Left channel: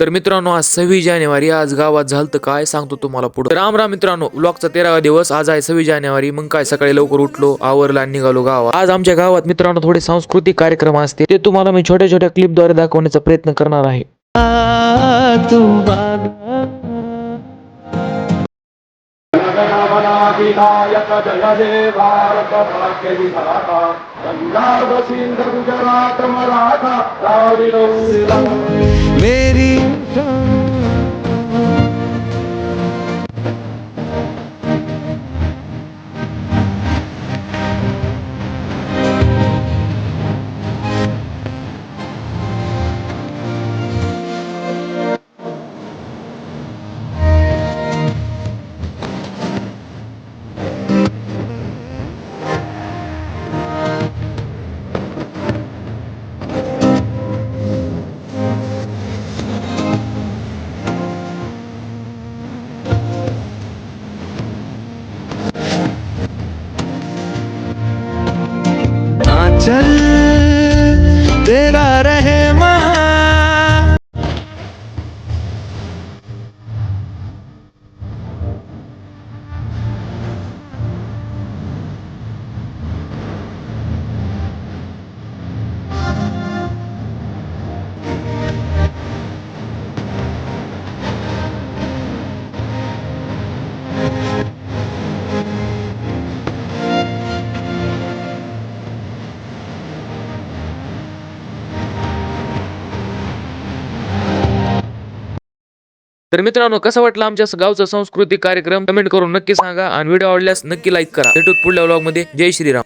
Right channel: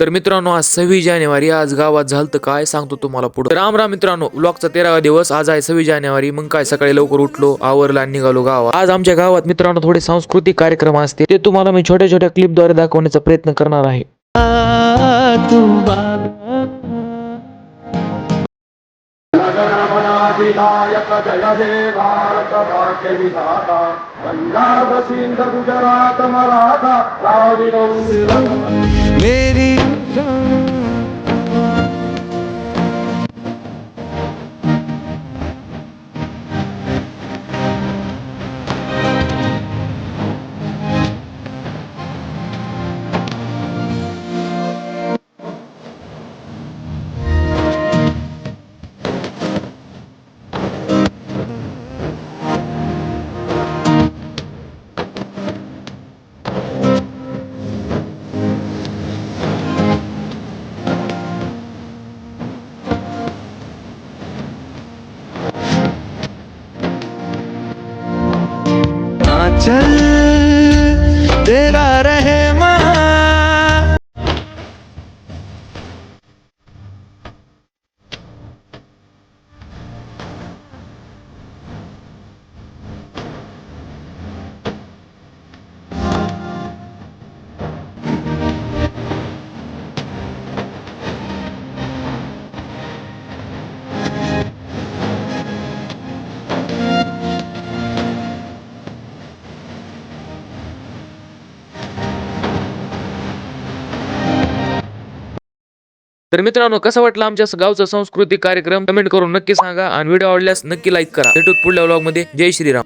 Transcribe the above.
तर मित्रांनो आज 26 जानेवारी, आज गावात झालतं काय सांगतो तुम्हाला पुढे. राम राम मित्रांनो, व्लॉगचा 13वा दिवस. आज आहे 26 जानेवारी. मग काय सकाळी लवकर उठलो, आवरला आणि निघालो गावात. आज आमच्या गावात मित्रांनो थोडे सांस्कृतिक कार्यक्रम असते, ते तुम्हाला मी छोट्या छोट्या क्लिपद्वारे दाखवण्याचा प्रयत्न करणार आहे. विनायक जय हे भारत भाग्य विधाता पंजाब सिंध गुजरात मराठा द्राविड मेरी चल तेरा रहे तर मित्रांनो कसं वाटलं आमच्या गावचा सांस्कृतिक कार्यक्रम कमेंट करून नक्की सांगा आणि व्हिडिओ आवडल्यास नक्की लाईक करा. भेटूत पुढल्या व्लॉग मध्ये. जय श्रीराम.